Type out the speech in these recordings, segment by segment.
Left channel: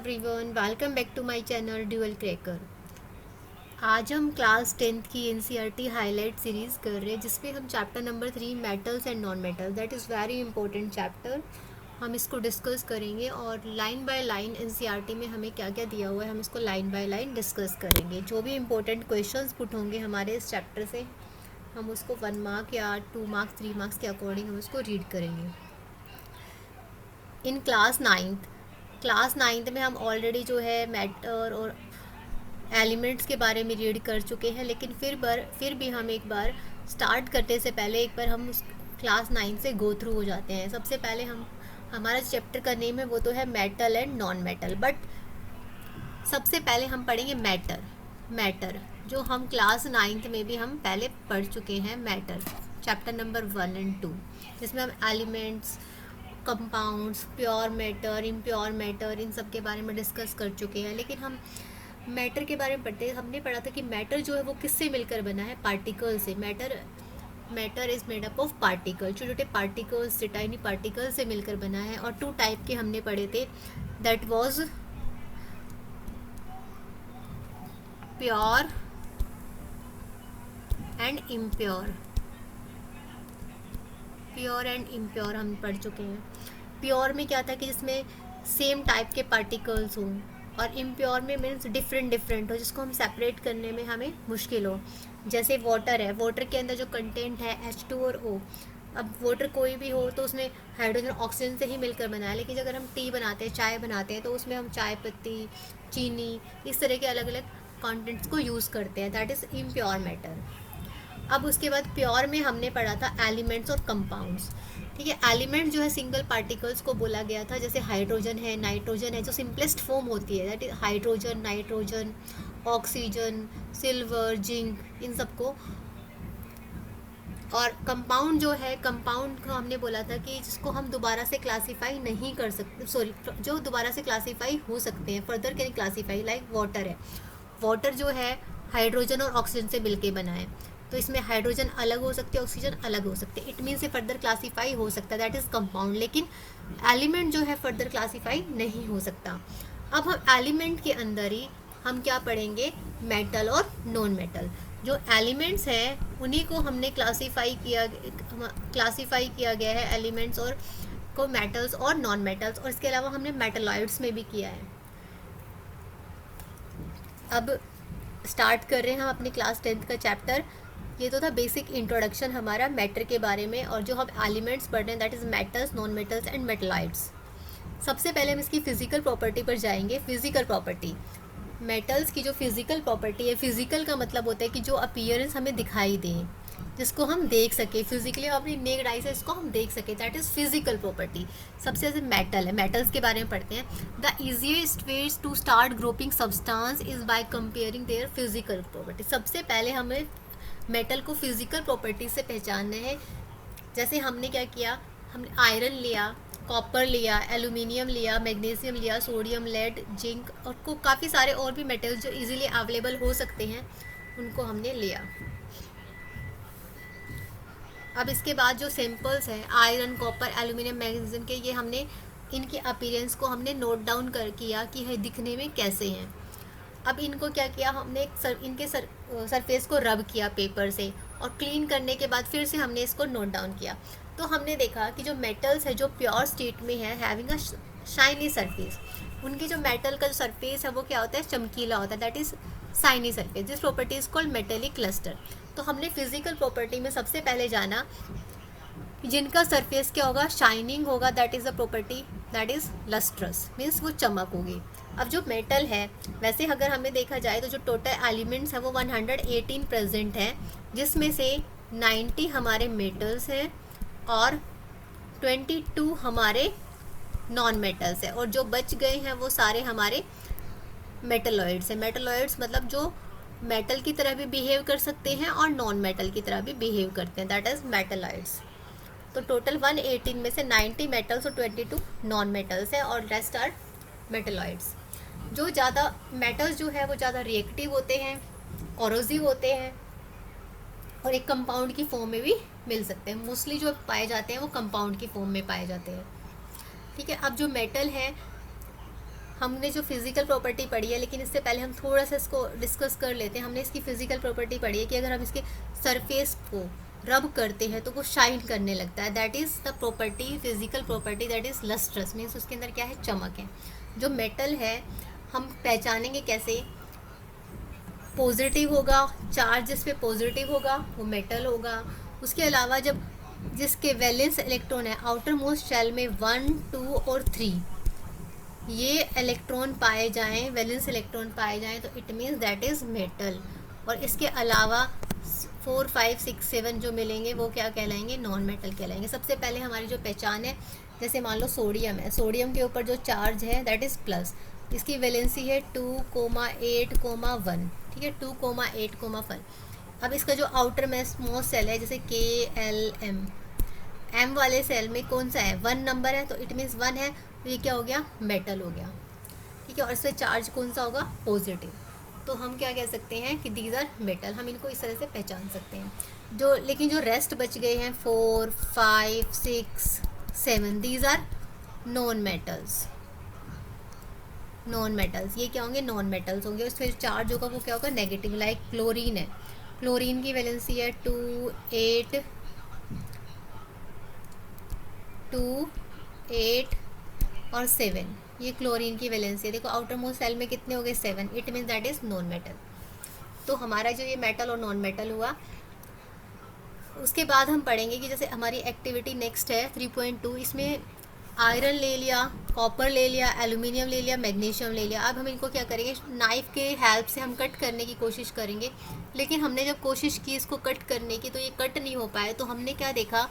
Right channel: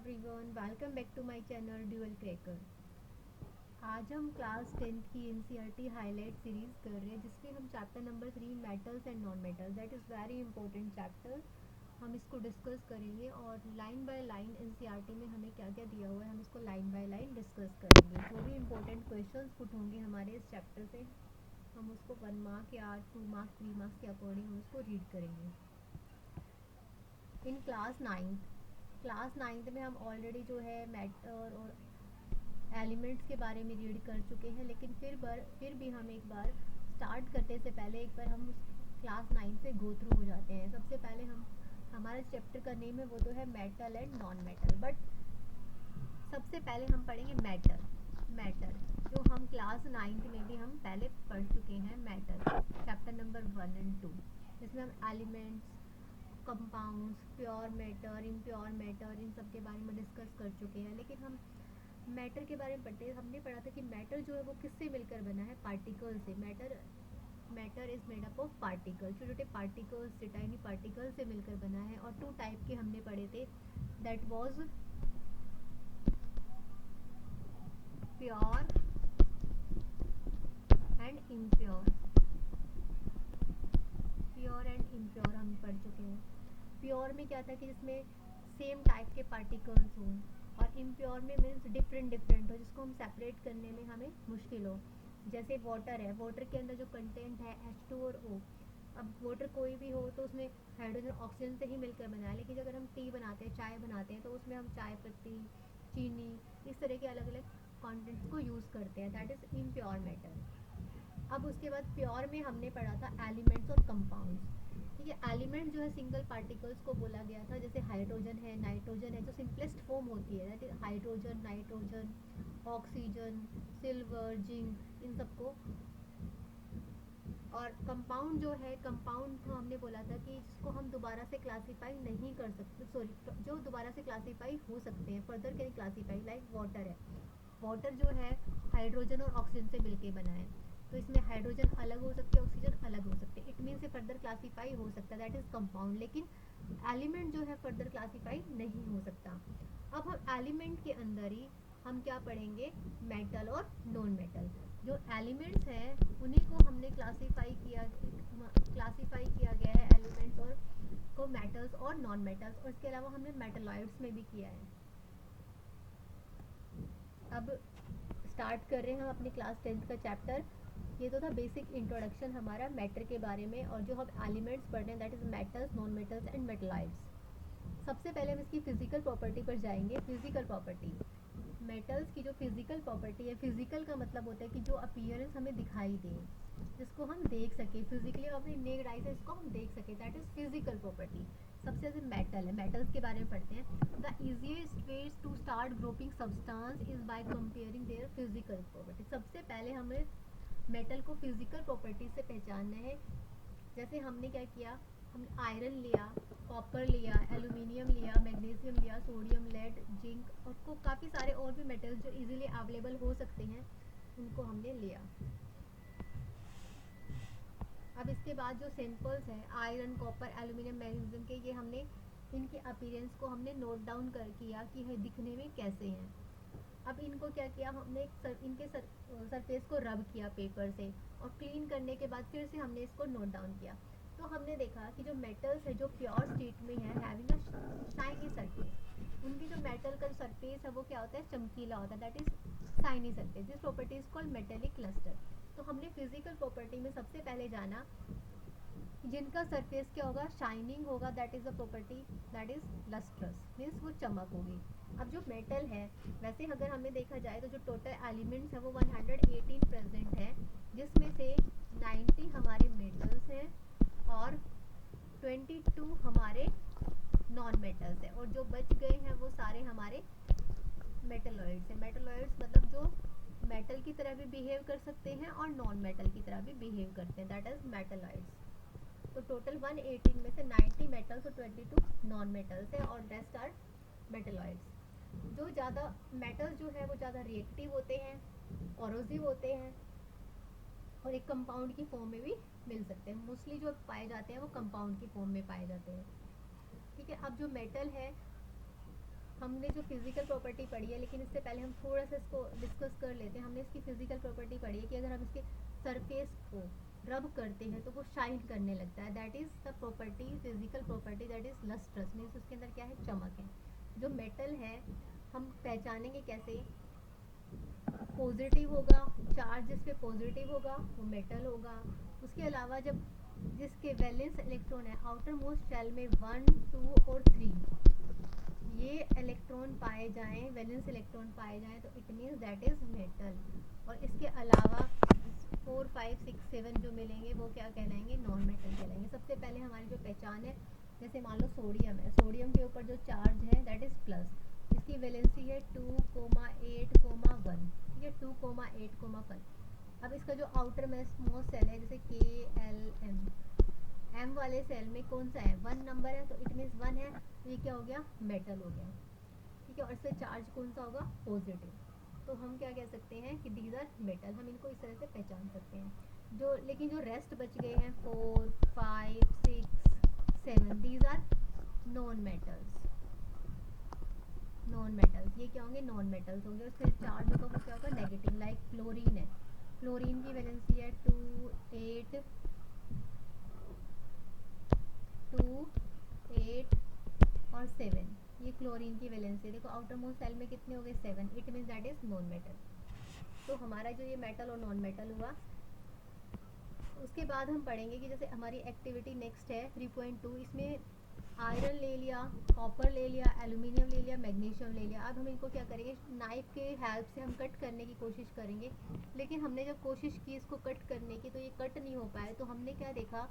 Everyone, welcome back to my channel dual cracker. आज हम class 10th की NCERT highlight series कर रहे हैं जिसमें हम chapter number 3 metals and non metal, that is very important chapter, हम इसको डिस्कस करेंगे और लाइन बाय लाइन एनसीईआरटी में हमें क्या क्या दिया हुआ है हम इसको लाइन बाय लाइन डिस्कस करेंगे। जो भी इंपॉर्टेंट क्वेश्चंस पुट होंगे हमारे इस चैप्टर से हम उसको 1 मार्क या 2 मार्क्स 3 मार्क्स के अकॉर्डिंग हम उसको रीड करेंगे। इन क्लास नाइन्थ में हम ऑलरेडी जो है मैटर और एलिमेंट्स के बारे में रीड कर चुके हैं, लेकिन फिर भी हम एक बार स्टार्ट करने से पहले एक बार हम उस क्लास 9 से गो थ्रू हो जाते हैं। सबसे पहले हम हमारा चैप्टर का नेम है वो तो है metal and non metal, but सबसे पहले हम पढ़ेंगे मैटर जो हम क्लास 9th में भी हम पहले पढ़ चुके हैं। मैटर चैप्टर नंबर 1 एंड 2, जिसमें हम elements, compounds, pure matter, impure matter, इन सब के बारे में डिस्कस कर चुके हैं। लेकिन हम मैटर के बारे में पढ़ते हैं, हमने पढ़ा था कि मैटर जो है वो किससे मिलकर बना है, पार्टिकल से। Matter is made up of particle, छोटे छोटे पार्टिकल्स, टाइनी पार्टिकल से मिलकर बना है। और 2 टाइप के हमने पढ़े थे, that was pure and impure. Pure and impure हम पढ़ चुके हैं। प्योर में क्या था कि जिसमें सेम टाइप के पार्टिकल्स हों, और इम्प्योर में मीन्स डिफरेंट हो, जिसको हम सेपरेट करने में हमें मुश्किल हो। जैसे वाटर है, वाटर के अंदर जो कंटेंट है H2 और O। अब वाटर कोई भी हो तो उसमें हाइड्रोजन ऑक्सीजन से ही मिलकर बना है, लेकिन अगर हम टी बनाते हैं, चाय बनाते हैं, तो उसमें हम चाय पत्ती, चीनी, इस तरह के अलग अलग कंटेंट्स को यूज़ करते हैं, दैट इज़ इम्प्योर मैटर। अब उसके बाद प्योर में हमने पढ़ा था एलिमेंट्स और कंपाउंड्स। ठीक है, एलिमेंट जो है सिंगल पार्टिकल्स को बोला गया था, जैसे हाइड्रोजन है, नाइट्रोजन है, जो सिंपलेस्ट फॉर्म होती है, that is hydrogen, nitrogen, oxygen, silver, zinc, इन सबको। और कंपाउंड जो है, कंपाउंड को हमने बोला था कि जिसको हम दोबारा से क्लासीफाई नहीं कर सकते, सॉरी, जो दोबारा से क्लासीफाई हो सकते हैं, further can classify, like water है। वाटर जो है हाइड्रोजन और ऑक्सीजन से मिलके बना है, तो इसमें हाइड्रोजन अलग हो सकते हैं, ऑक्सीजन अलग हो सकते हैं, इट मीन से फर्दर क्लासीफाई हो सकता है, दैट इज़ कंपाउंड। लेकिन एलिमेंट जो है फर्दर क्लासीफाई नहीं हो सकता। अब हम एलिमेंट के अंदर ही हम क्या पढ़ेंगे, मेटल और नॉन मेटल। जो एलिमेंट्स हैं उन्हीं को हमने क्लासीफाई किया गया है, एलिमेंट्स और को मेटल्स और नॉन मेटल्स, और इसके अलावा हमने मेटलॉइड्स में भी किया है। अब स्टार्ट कर रहे हैं हम अपनी क्लास 10th का चैप्टर। ये तो था बेसिक इंट्रोडक्शन हमारा मैटर के बारे में, और जो हम एलिमेंट्स पढ़ रहे हैं that is metals, non metals and metalloids. सबसे पहले हम इसकी फिजिकल प्रॉपर्टी पर जाएंगे। फिजिकल प्रॉपर्टी, मेटल्स की जो फिजिकल प्रॉपर्टी है, फिजिकल का मतलब होता है कि जो अपीयरेंस हमें दिखाई दे, जिसको हम देख सके फिजिकली, अपनी नेक्ड आई से इसको हम देख सके, दैट इज़ फिजिकल प्रॉपर्टी। सबसे जैसे मेटल है, मेटल्स के बारे में पढ़ते हैं। The easiest ways to start grouping substance is by comparing their physical property. सबसे पहले हमें मेटल को फिजिकल प्रॉपर्टी से पहचानना है। जैसे हमने क्या किया, हमने आयरन लिया, कॉपर लिया, एल्यूमिनियम लिया, मैग्नीशियम लिया, सोडियम, लेड, जिंक, और को काफ़ी सारे और भी मेटल्स जो इजीली अवेलेबल हो सकते हैं उनको हमने लिया। अब इसके बाद जो सैम्पल्स हैं आयरन, कॉपर, एल्यूमिनियम, मैग्नीशियम के, ये हमने इनके अपीयरेंस को हमने नोट डाउन कर किया कि है दिखने में कैसे हैं। अब इनको क्या किया हमने, इनके सरफेस को रब किया पेपर से, और क्लीन करने के बाद फिर से हमने इसको नोट डाउन किया। तो हमने देखा कि जो मेटल्स है जो प्योर स्टेट में है, हैविंग अ शाइनी सरफेस, उनकी जो मेटल का जो सरफेस है वो क्या होता है, चमकीला होता है, that is shiny surface. This property is called metallic cluster. तो हमने फिजिकल प्रॉपर्टी में सबसे पहले जाना जिनका सरफेस क्या होगा, शाइनिंग होगा, that is a property that is lustrous, means वो चमक होगी। अब जो मेटल है, वैसे अगर हमें देखा जाए तो जो टोटल एलिमेंट्स है वो 118 प्रेजेंट है, जिसमें से 90 हमारे मेटल्स हैं और 22 हमारे नॉन मेटल्स है, और जो बच गए हैं वो सारे हमारे मेटलॉइड्स हैं। मेटलॉइड्स मतलब जो मेटल की तरह भी बिहेव कर सकते हैं और नॉन मेटल की तरह भी बिहेव करते हैं, दैट इज़ मेटलॉइड्स। तो टोटल 118 में से 90 मेटल्स और 22 नॉन मेटल्स है, और रेस्ट आर मेटलॉइड्स। जो ज़्यादा मेटल्स जो है वो ज़्यादा रिएक्टिव होते हैं, कोरोसिव होते हैं, और एक कंपाउंड की फॉर्म में भी मिल सकते हैं। मोस्टली जो पाए जाते हैं वो कंपाउंड की फॉर्म में पाए जाते हैं। ठीक है, अब जो मेटल है हमने जो फिज़िकल प्रॉपर्टी पढ़ी है, लेकिन इससे पहले हम थोड़ा सा इसको डिस्कस कर लेते हैं। हमने इसकी फ़िज़िकल प्रॉपर्टी पढ़ी है कि अगर हम इसके सरफेस को रब करते हैं तो वो शाइन करने लगता है। That is the property, physical property that is lustrous, means उसके अंदर क्या है, चमक है। जो मेटल है हम पहचानेंगे कैसे, पॉजिटिव होगा, चार्ज जिस पे पॉजिटिव होगा वो मेटल होगा। उसके अलावा जब जिसके वैलेंस इलेक्ट्रॉन है आउटर मोस्ट शेल में 1, 2 और 3 ये इलेक्ट्रॉन पाए जाएं, वैलेंस इलेक्ट्रॉन पाए जाएं, तो it means that is metal. और इसके अलावा 4, 5, 6, 7 जो मिलेंगे वो क्या कहलाएंगे, नॉन मेटल कहलाएंगे। सबसे पहले हमारी जो पहचान है, जैसे मान लो सोडियम है, सोडियम के ऊपर जो चार्ज है दैट इज़ प्लस, इसकी वैलेंसी है 2,8,1, ठीक है, 2,8,1। अब इसका जो आउटर मोस्ट सेल है जैसे KLM, एम वाले सेल में कौन सा है, 1 नंबर है, तो इट मीन्स 1 है, तो ये क्या हो गया, मेटल हो गया, ठीक है। और इससे चार्ज कौन सा होगा, पॉजिटिव। तो हम क्या कह सकते हैं कि दीज आर मेटल, हम इनको इस तरह से पहचान सकते हैं। जो लेकिन जो रेस्ट बच गए हैं 4, 5, 6, 7 these are non metals. Non metals ये क्या होंगे, नॉन मेटल्स होंगे। उसमें जो चार्ज होगा वो क्या होगा, नेगेटिव। लाइक क्लोरीन है, क्लोरीन की वैलेंसी है 2, 8 और 7, ये क्लोरीन की वैलेंसी है। देखो आउटर मोस्ट सेल में कितने हो गए, 7, it means that is non metal. तो हमारा जो ये मेटल और नॉन मेटल हुआ, उसके बाद हम पढ़ेंगे कि जैसे हमारी एक्टिविटी नेक्स्ट है 3.2, इसमें आयरन ले लिया, कॉपर ले लिया, एल्यूमिनियम ले लिया, मैग्नीशियम ले लिया। अब हम इनको क्या करेंगे, नाइफ़ के हेल्प से हम कट करने की कोशिश करेंगे। लेकिन हमने जब कोशिश की इसको कट करने की तो ये कट नहीं हो पाए। तो हमने क्या देखा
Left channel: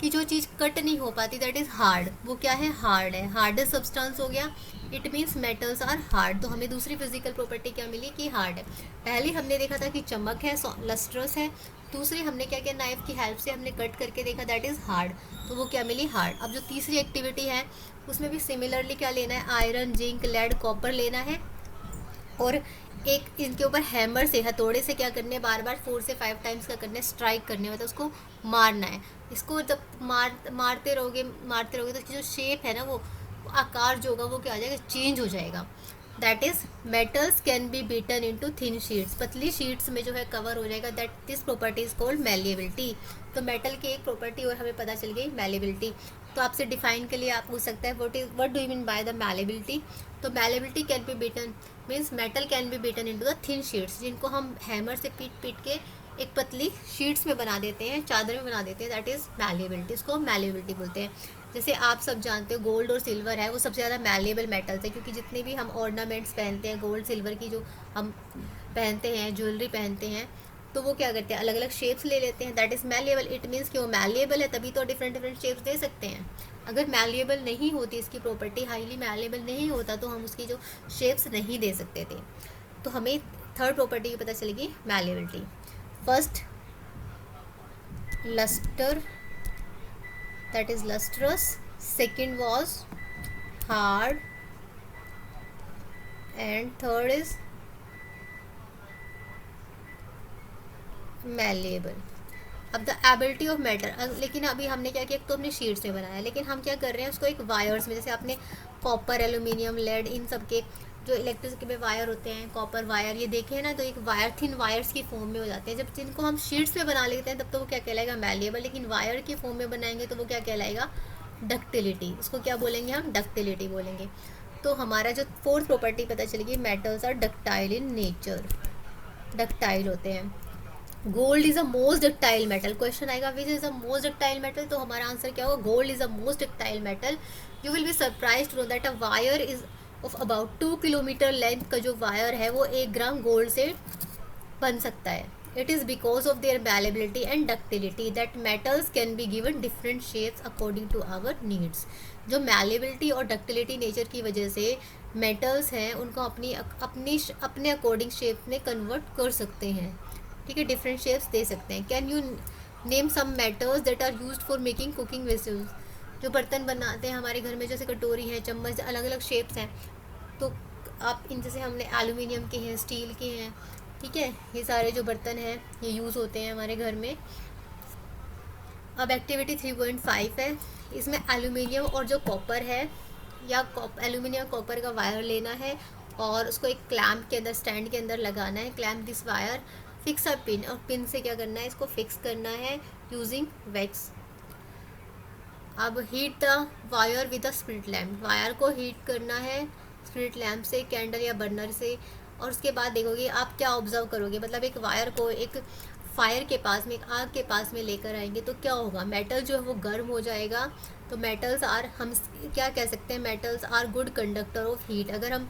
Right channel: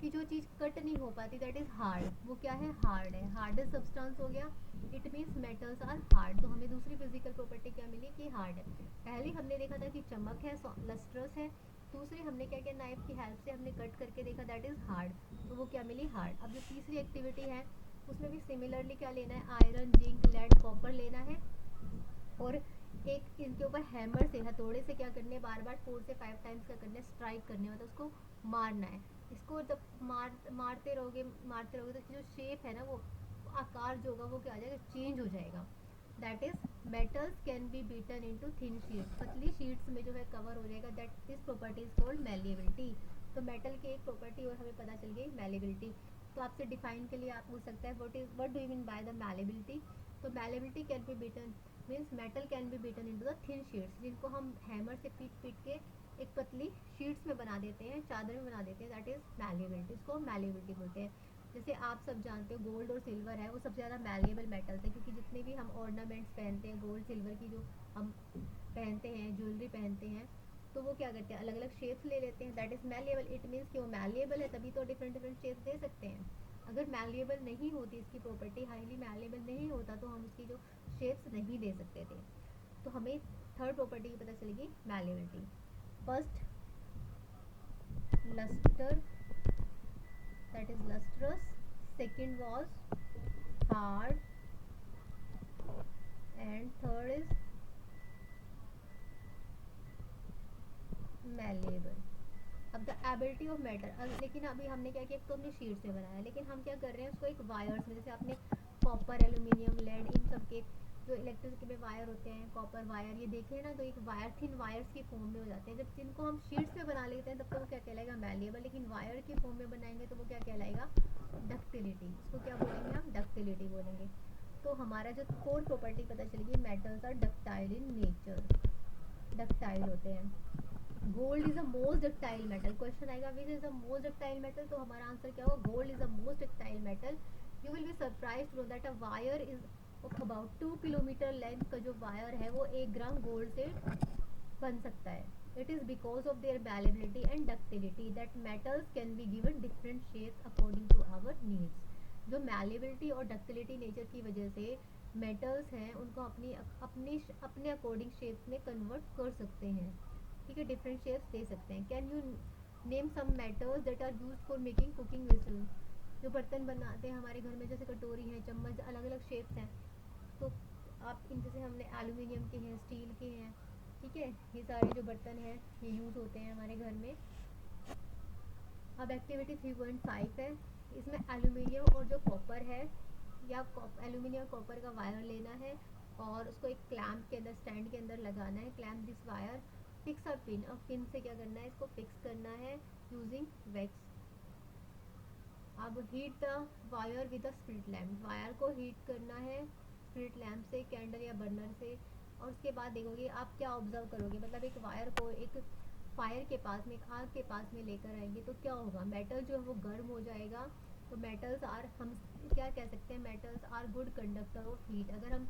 कि जो चीज़ कट नहीं हो पाती दैट इज़ हार्ड, वो क्या है, हार्ड है, हार्डेस्ट सब्सटेंस हो गया, it means metals are hard. तो हमें दूसरी फिजिकल प्रॉपर्टी क्या मिली कि हार्ड है। पहले हमने देखा था कि चमक है, लस्ट्रस है। दूसरी हमने क्या किया, नाइफ की हेल्प से हमने कट करके देखा दैट इज़ हार्ड, तो वो क्या मिली, हार्ड। अब जो तीसरी एक्टिविटी है उसमें भी सिमिलरली क्या लेना है, आयरन, जिंक, लेड, कॉपर लेना है। और एक इनके ऊपर हैमर से, हथौड़े से क्या करने, बार बार 4 से 5 टाइम्स क्या करना है, स्ट्राइक करने, मतलब उसको मारना है। इसको जब मारते रहोगे तो इसकी जो शेप है ना, वो आकार जो होगा वो क्या हो जाएगा, चेंज हो जाएगा। That is metals can be beaten into thin sheets, पतली शीट्स में जो है कवर हो जाएगा। That this property is called malleability. तो मेटल की एक प्रॉपर्टी और हमें पता चल गई, मैलिएबिलिटी। तो आपसे डिफाइन के लिए आप पूछ सकते हैं what do you mean by the malleability. तो malleability can be beaten means metal can be beaten into the thin sheets, जिनको हम हैमर से पीट के एक पतली शीट्स में बना देते हैं, चादर में बना देते हैं, दैट इज़ मैलिएबिलिटी। इसको हम मैलिएबिलिटी बोलते हैं। जैसे आप सब जानते हो गोल्ड और सिल्वर है वो सबसे ज़्यादा मैलिएबल मेटल्स है, क्योंकि जितने भी हम ऑर्नामेंट्स पहनते हैं गोल्ड सिल्वर की, जो हम पहनते हैं, ज्वेलरी पहनते हैं, तो वो क्या करते हैं, अलग अलग शेप्स ले लेते हैं, that is malleable. It means कि वो मैलिएबल है तभी तो डिफरेंट डिफरेंट शेप्स दे सकते हैं। अगर मैलिएबल नहीं होती, इसकी प्रॉपर्टी हाईली मैलिएबल नहीं होता, तो हम उसकी जो शेप्स नहीं दे सकते थे। तो हमें थर्ड प्रॉपर्टी की पता चलेगी, malleability. First lustre, that is lustrous, second was hard, and third is malleable. अब द एबिलिटी ऑफ मैटर, लेकिन अभी हमने क्या किया, तो हमने शीट से बनाया, लेकिन हम क्या कर रहे हैं उसको एक वायर्स में, जैसे आपने कॉपर, एल्यूमिनियम, लेड, इन सब के जो इलेक्ट्रिसिटी में वायर होते हैं, कॉपर वायर ये देखे हैं ना, तो एक वायर थिन वायर्स की फॉर्म में हो जाते हैं। जब जिनको हम शीट्स में बना लेते हैं तब तो वो क्या कहलाएगा, मैलिएबल। लेकिन वायर की फॉर्म में बनाएंगे तो वो क्या कहलाएगा, डक्टिलिटी। उसको क्या बोलेंगे हम, डक्टिलिटी बोलेंगे। तो हमारा जो फोर्थ प्रॉपर्टी पता चलेगी, metals are ductile in nature, ductile होते हैं। Gold is a most ductile metal, question आएगा which is a most ductile metal, तो हमारा आंसर क्या होगा, gold is a most ductile metal. You will be surprise to know that a wire is of about 2 kilometre length का जो wire है वो 1 gram gold से बन सकता है। It is because of their malleability and ductility that metals can be given different shapes according to our needs. जो malleability और डक्टिलिटी नेचर की वजह से मेटल्स हैं उनको अपने अकॉर्डिंग शेप में कन्वर्ट कर सकते हैं, ठीक है, डिफरेंट शेप्स दे सकते हैं। Can you name some metals that are used for making cooking vessels, जो बर्तन बनाते हैं हमारे घर में, जैसे कटोरी है, चम्मच, अलग अलग शेप्स हैं, तो आप इन जैसे हमने एल्यूमिनियम के हैं, स्टील के हैं, ठीक है, ये सारे जो बर्तन हैं ये यूज़ होते हैं हमारे घर में। अब एक्टिविटी 3.5 है, इसमें एल्यूमिनियम और जो कॉपर है या एल्यूमिनियम कॉपर का वायर लेना है और उसको एक क्लैंप के अंदर, स्टैंड के अंदर लगाना है। Clamp this wire, fix a pin, और पिन से क्या करना है, इसको फिक्स करना है यूजिंग वैक्स। अब heat the wire with a spirit lamp, wire को हीट करना है स्पिरिट लैम्प से, कैंडल या बर्नर से। और उसके बाद देखोगे आप क्या ऑब्जर्व करोगे, मतलब एक वायर को एक फायर के पास में, एक आग के पास में लेकर आएंगे तो क्या होगा, मेटल जो है वो गर्म हो जाएगा। तो मेटल्स आर, हम क्या कह सकते हैं, metals are good conductor of heat. अगर हम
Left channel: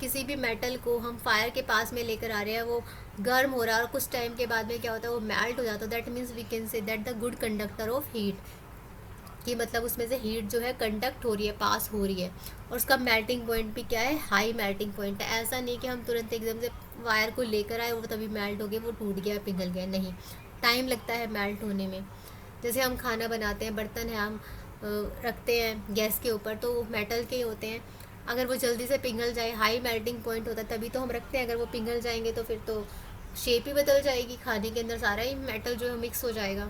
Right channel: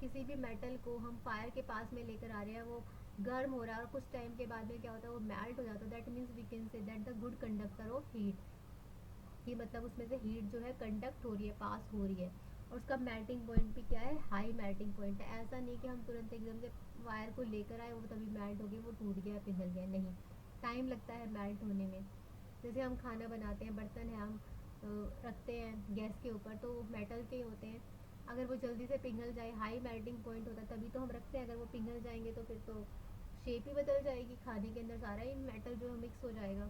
किसी भी मेटल को हम फायर के पास में लेकर आ रहे हैं, वो गर्म हो रहा है और कुछ टाइम के बाद में क्या होता है, वो मेल्ट हो जाता है, that means we can say that the good conductor of heat, कि मतलब उसमें से हीट जो है कंडक्ट हो रही है, पास हो रही है। और उसका मेल्टिंग पॉइंट भी क्या है, हाई मेल्टिंग पॉइंट है। ऐसा नहीं कि हम तुरंत एकदम से वायर को लेकर आए वो तभी मेल्ट हो गया, वो टूट गया, पिघल गया, नहीं, टाइम लगता है मेल्ट होने में। जैसे हम खाना बनाते हैं, बर्तन है हम रखते हैं गैस के ऊपर, तो वो मेटल के ही होते हैं, अगर वो जल्दी से पिघल जाए, हाई मेल्टिंग पॉइंट होता है तभी तो हम रखते हैं, अगर वो पिघल जाएंगे तो फिर तो शेप ही बदल जाएगी, खाने के अंदर सारा ही मेटल जो है मिक्स हो जाएगा।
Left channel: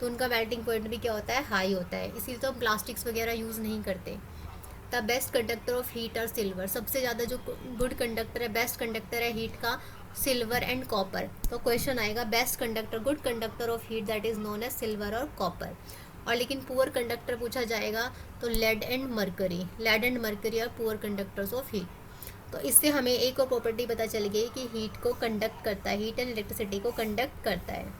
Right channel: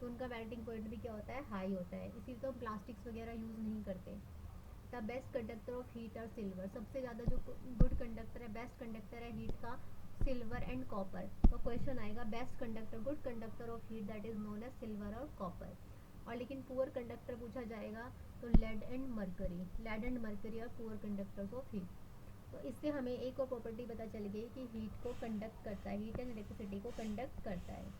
तो उनका मेल्टिंग पॉइंट भी क्या होता है, हाई होता है, इसीलिए तो हम प्लास्टिक्स वगैरह यूज़ नहीं करते। The best conductor of heat और सिल्वर, सबसे ज़्यादा जो गुड कंडक्टर है, बेस्ट कंडक्टर है हीट का, सिल्वर एंड कॉपर। तो क्वेश्चन आएगा best conductor, good conductor of heat that is known as silver और कॉपर। और लेकिन पुअर कंडक्टर पूछा जाएगा तो lead and mercury, lead and mercury are poor conductors of heat. तो इससे हमें एक और प्रॉपर्टी पता चल गई कि हीट को कंडक्ट करता है, हीट एंड इलेक्ट्रिसिटी को कंडक्ट करता है।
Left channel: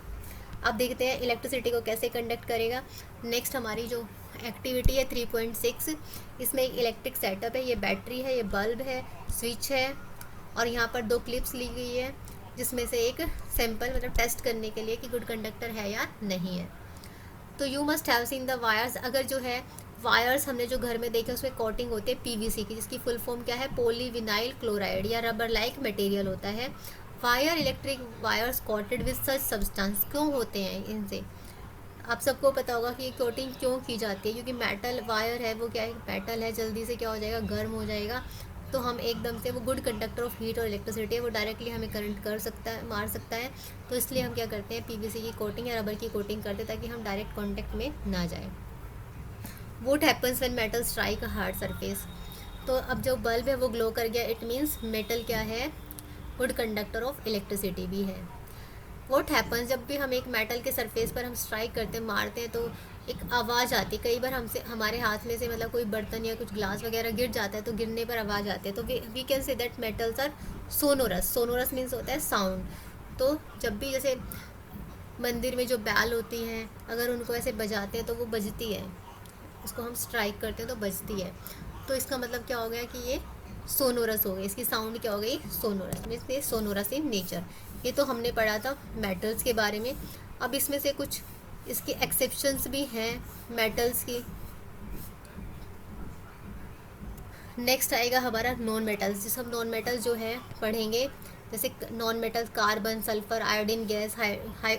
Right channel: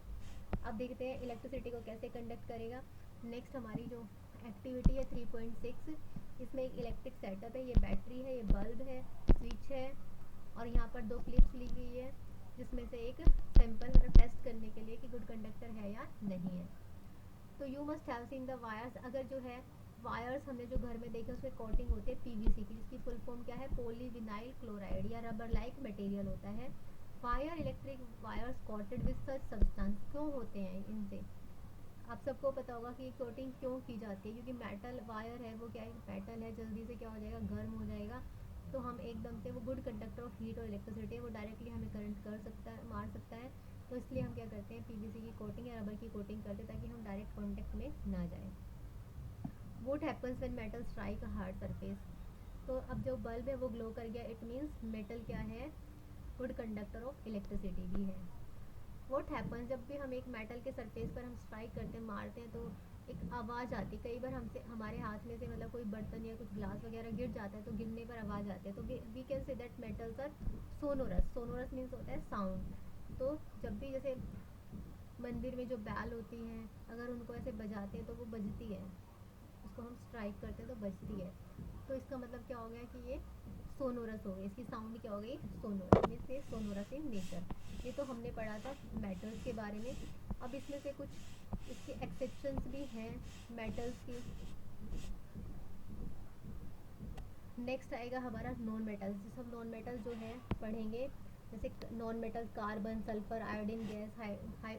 अब देखते हैं इलेक्ट्रिसिटी को कैसे कंडक्ट करेगा। नेक्स्ट हमारी जो एक्टिविटी है 3.6, इसमें एक इलेक्ट्रिक सेटअप है, ये बैटरी है, ये बल्ब है, स्विच है, और यहाँ पर 2 क्लिप्स ली गई है जिसमें से एक सैंपल, मतलब टेस्ट करने के लिए कि गुड कंडक्टर है या नहीं है। तो you must have seen the wires, अगर जो है वायर्स हमने जो घर में देखे उसमें कोटिंग होती है पीवीसी की, जिसकी फुल फॉर्म क्या है, पॉलीविनाइल क्लोराइड या रबर लाइक मटेरियल होता है। Wire electric wires coated with such substance, क्यों होते हैं इनसे, आप सबको पता होगा कि कोटिंग क्यों की जाती है, क्योंकि मेटल वायर है, वो क्या है, मेटल है, जल्दी से क्या हो जाएगा, गर्म हो जाएगा। तो हम एकदम से, वो गुड कंडक्टर ऑफ हीट और इलेक्ट्रिसिटी है, वो डायरेक्टली हमें करंट कर सकता है, मार सकता है। तो इसलिए हम क्या करते हैं, पीवीसी की कोटिंग या रबर की कोटिंग करते हैं ताकि हम डायरेक्ट कॉन्टेक्ट में ना जाए। Vote happens when metal strike a hard surface, तो अब जो बल्ब है वो ग्लो कर गया, इट मीन्स मेटल क्या है, गुड कंडक्टर ऑफ इलेक्ट्रिसिटी भी है। वॉट हैपन्स, जब भी हम एक मेटल के सरफेस पर हम स्ट्राइक करते हैं, मारते हैं, तो एक आवाज़ आती है। कई बार हमसे, हमारे हाथ में से मतलब कोई बर्तन या कुछ ग्लास वगैरह गिर जाता है तो गिरने पर आवाज़ आती है, तो we can say that metals are sonorous. Sonorous means होता है साउंड। तो जब भी जैसे मंदिर में जो बैल होती हैं, अगर उनको ऐसे बजाते हैं तो वो बजती है, उसको हम स्ट्राइक करते हैं तो बजती है। तो इसका मतलब क्या हो गया कि ये सोनोरस हो गई, इसकी साउंड क्या हो गई, सोनोरस, मीन्स ये सोनोरस इन नेचर। ये तो हमने पढ़ा था मेटल्स के बारे में। अब इसमें से कुछ इसकी एक्सेप्शंस भी हैं मेटल्स की। नेक्स्ट आएगा हमारा नॉन मेटल्स, जिस हम नॉन मेटल्स जो है पढ़ेंगे, जैसे non metal carbon, sulphur, iodine gas,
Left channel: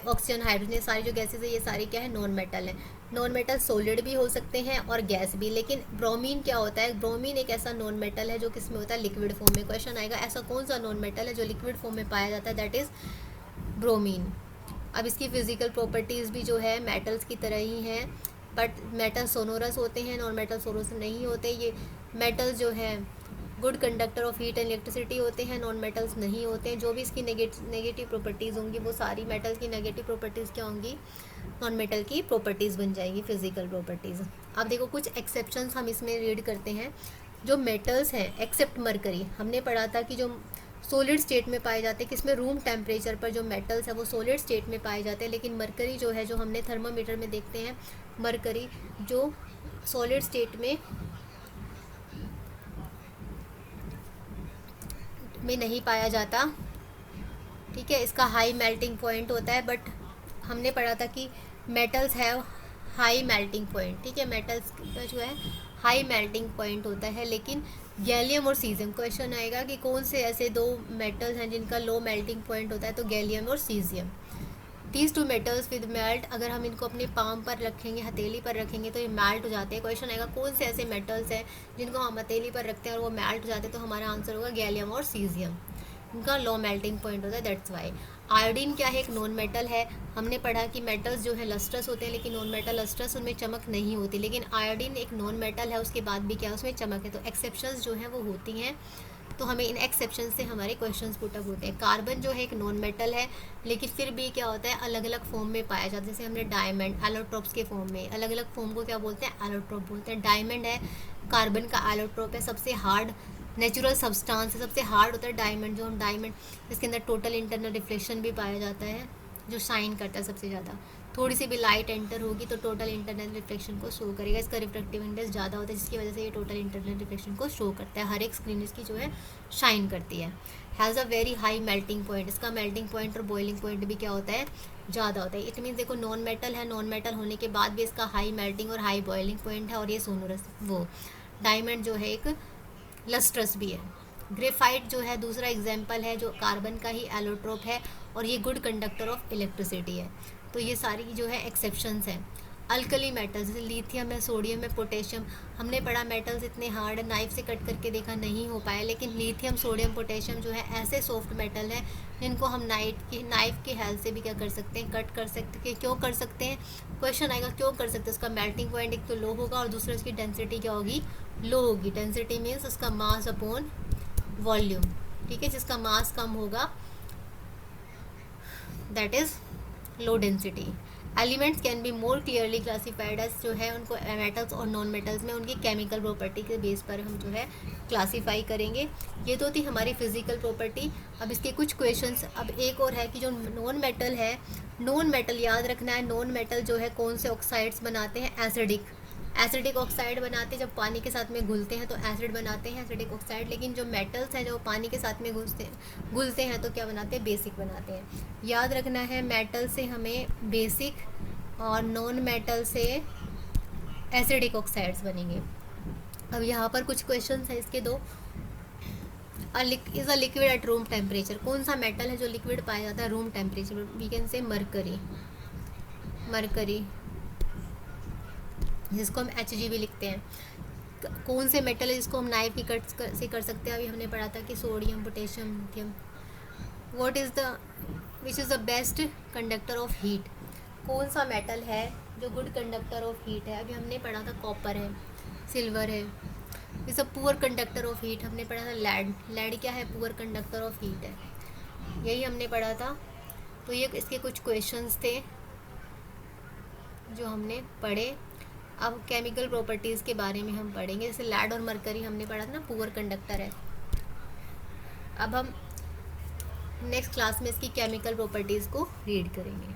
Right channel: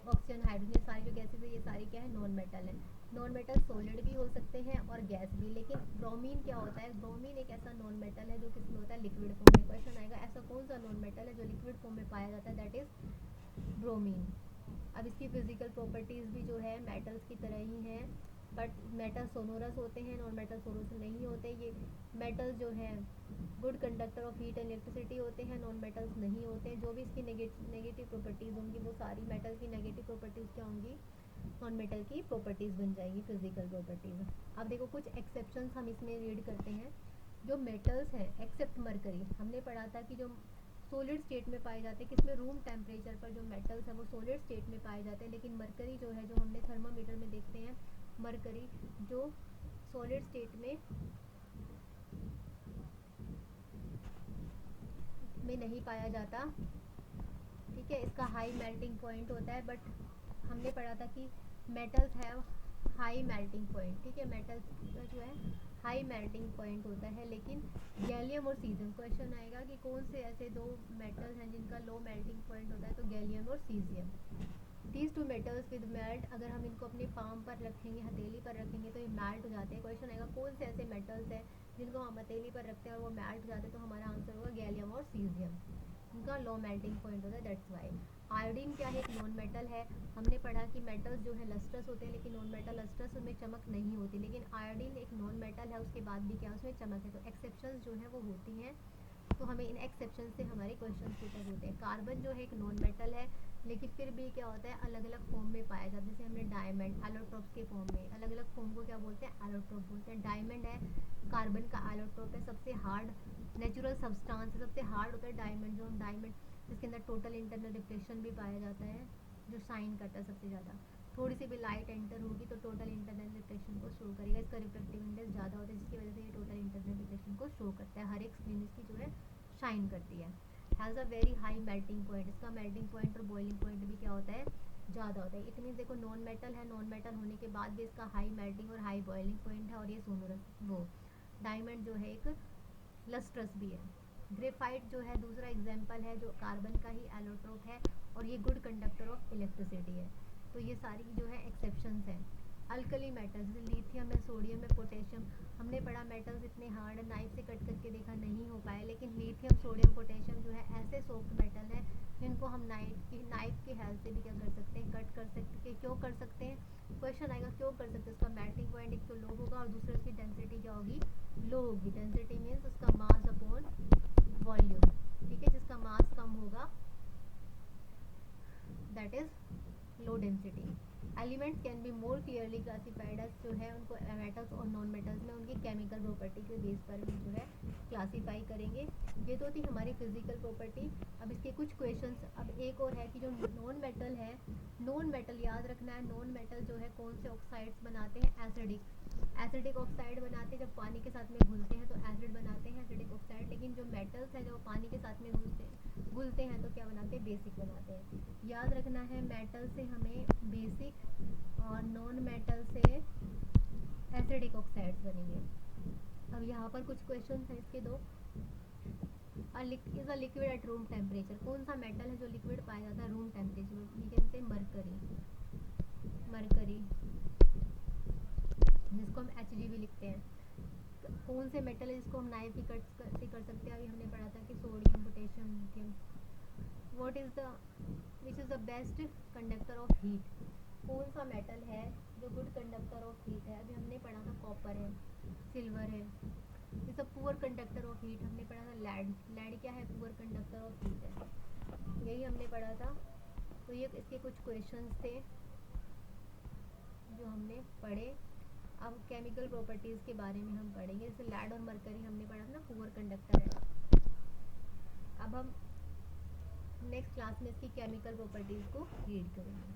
oxygen, hydrogen, सारी जो गैसेज है ये सारी क्या है, नॉन मेटल है। नॉन मेटल सॉलिड भी हो सकते हैं और गैस भी। लेकिन ब्रोमीन क्या होता है, ब्रोमीन एक ऐसा नॉन मेटल है जो किसमें होता है, लिक्विड फॉर्म में। क्वेश्चन आएगा ऐसा कौन सा नॉन मेटल है जो लिक्विड फॉर्म में पाया जाता है, दैट इज ब्रोमीन। अब इसकी फिजिकल प्रॉपर्टीज़ भी जो है मेटल्स की तरह ही हैं, बट मेटल सोनोरस होते हैं, नॉन मेटल सोनोरस नहीं होते। ये मेटल जो है good conductor of heat and electricity होते हैं, नॉन मेटल्स नहीं होते हैं। जो भी इसकी नेगेटिव प्रॉपर्टीज़ होंगी वो सारी मेटल की नेगेटिव प्रॉपर्टीज़ क्या होंगी, नॉन मेटल की प्रॉपर्टीज़ बन जाएंगी, फिजिकल प्रॉपर्टीज़। अब देखो कुछ एक्सेप्शंस हम इसमें रीड करते हैं। जो मेटल्स हैं एक्सेप्ट मरकरी, हमने पढ़ा था कि जो सॉलिड स्टेट में पाए जाते हैं, किसमें, रूम टेम्परेचर पर जो मेटल्स है वो सॉलिड स्टेट में पाए जाते हैं। लेकिन मरकरी जो है, जो हमने थर्मामीटर में देखते हैं, मरकरी जो सॉलिड स्टेट में नहीं पाया जाता, ठीक है। इसका हाई मेल्टिंग पॉइंट होता है, बट हमने पढ़ा था कि metals have high melting point, ठीक है, मेटल्स का जो है हाई मेल्टिंग पॉइंट होता है। लेकिन गैलियम और सीजियम, क्वेश्चन आएगा कि कौन से ऐसे 2 मेटल्स हैं जिनका लो मेल्टिंग पॉइंट होता है, तो गैलियम और caesium. These 2 metals with melt, अगर हम इनको अपने पाम पर रखेंगे, हथेली पर रखेंगे तो ये मेल्ट हो जाते हैं। क्वेश्चन आएगा कौन से ऐसे मेटल्स हैं जिनको हम हथेली पर रखते हैं और वो मेल्ट हो जाते हैं, तो हमारा आंसर होगा गैलियम और सीजियम। इनका लो मेल्टिंग पॉइंट होता है, दैट्स वाई। आयोडीन क्या है? एक नॉन मेटल है। हमने पढ़ा कि मेटल्स जो है लस्ट्रस होते हैं, लेकिन नॉन मेटल लस्ट्रस, उनमें चमक नहीं होती, लेकिन आयोडीन एक नॉन मेटल है, उसके बाद भी क्या उसमें चमक है। तो एक्सेप्शंस जो है वो होती हैं, तो हमें इन एक्सेप्शन से हमारे क्वेश्चंस पुट अप होते हैं। कार्बन जो है एक नॉन मेटल है, लेकिन फिर भी क्या होता है, अलग अलग फॉर्म में पाया जाता है। जैसे हमने डायमंड एलोट्रोप्स के फॉर्म में, अलग अलग फॉर्म को क्या बोलते हैं? एलोट्रोप बोलते हैं। डायमंड है, कार्बन का एलोट्रोप है, सबसे हार्ड नेचुरल सब्सटेंस है, सबसे हार्ड होता है डायमंड। जो हम डायमंड, इसके अंदर टोटल इंटरनल रिफ्लेक्शन भी पाया जाता है, जो शाइन करता है सबसे ज़्यादा। थोड़ी सी भी लाइट एंटर होगी तो टोटल इंटरनल रिफ्लेक्शन को शो करेगा। इसका रिफ्रैक्टिव इंडेक्स ज़्यादा होता है, जिसकी वजह से ये टोटल इंटरनल रिफ्लेक्शन को शो करता है। हर एक स्क्रीन इसकी जो है शाइन करती है। Has a very high melting point, इसका मेल्टिंग पॉइंट और बॉइलिंग पॉइंट भी क्या होता है? ज़्यादा होता है। इट मीन्स देखो नॉन मेटल है, नॉन मेटल होने के बाद भी इसका हाई मेल्टिंग और हाई बॉइलिंग पॉइंट है, और ये सोनोरस वो डायमंड जो है एक लस्ट्रस भी है। ग्रेफाइट जो है दूसरा एग्जाम्पल है, जो कार्बन का ही एलोट्रोप है, और ये गुड कंडक्टर ऑफ इलेक्ट्रिसिटी है। तो ये सारी जो है एक्सेप्शंस हैं। अल्कली मेटल्स जैसे लिथियम है, सोडियम है, पोटेशियम, हमने पढ़ा मेटल्स इतने हार्ड नाइफ से कट करके देखा नहीं हो पाया, लेकिन लिथियम, सोडियम, पोटेशियम जो है ऐसे सॉफ्ट मेटल है जिनको हम नाइफ की हेल्प से भी क्या कर सकते हैं? कट कर सकते हैं। क्यों कर सकते हैं? क्वेश्चन आएगा क्यों कर सकते हैं। उसका मेल्टिंग पॉइंट एक तो लो होगा, और दूसरा उसकी डेंसिटी क्या होगी? लो होगी। डेंसिटी मीन्स उसका मास अपॉन वॉल्यूम, ठीक है, जिसका मास कम होगा that is low density. Elements can be more clearly classified as, जो है उनको मेटल्स और नॉन मेटल्स में उनकी केमिकल प्रॉपर्टी के बेस पर हम जो है क्लासीफाई करेंगे। ये तो थी हमारी फिजिकल प्रॉपर्टी। अब इसके कुछ क्वेश्चंस, अब एक और है कि जो नॉन मेटल है, नॉन मेटल याद रखना है, नॉन मेटल जो है कौन से ऑक्साइड्स बनाते हैं? एसिडिक ऑक्साइड बनाते हैं। जब पानी के साथ में घुलते हैं तो एसिड बनाते हैं, एसिडिक ऑक्साइड। लेकिन जो मेटल्स हैं जो पानी के साथ में घुलते हैं तो क्या बनाते हैं? बेसिक बनाते हैं। याद रखना है, मेटल से हमें बेसिक और नॉन मेटल से एसिडिक ऑक्साइड्स बनेंगे। अब यहाँ पर कुछ क्वेश्चन है इसके दो। Is a liquid at room temperature, कौन सा मेटल है जो लिक्विड पाया जाता है room temperature? We can say mercury, जिसको हम Hg भी लिखते हैं। कौन से मेटल है जिसको हम नाइफ की कट से कर सकते हैं? अभी हमने पढ़ा था कि sodium, potassium, lithium. Which is the best conductor of heat, कौन सा मेटल है जो गुड कंडक्टर ऑफ हीट है? अभी हमने पढ़ा था कॉपर है, सिल्वर है। Is a poor conductor of heat, हमने पढ़ा था लेड क्या है? पुअर कंडक्टर ऑफ हीट है, यही हमने पढ़ा था। तो ये इसके कुछ क्वेश्चंस थे जो हमने पढ़े। अब केमिकल प्रॉपर्टीज़ के बारे में हम पढ़ेंगे। जैसे लेड और मरकरी हमने पढ़ा था ना, पुअर कंडक्टर है। अब हम नेक्स्ट क्लास में इसकी केमिकल प्रॉपर्टीज़ को रीड करेंगे।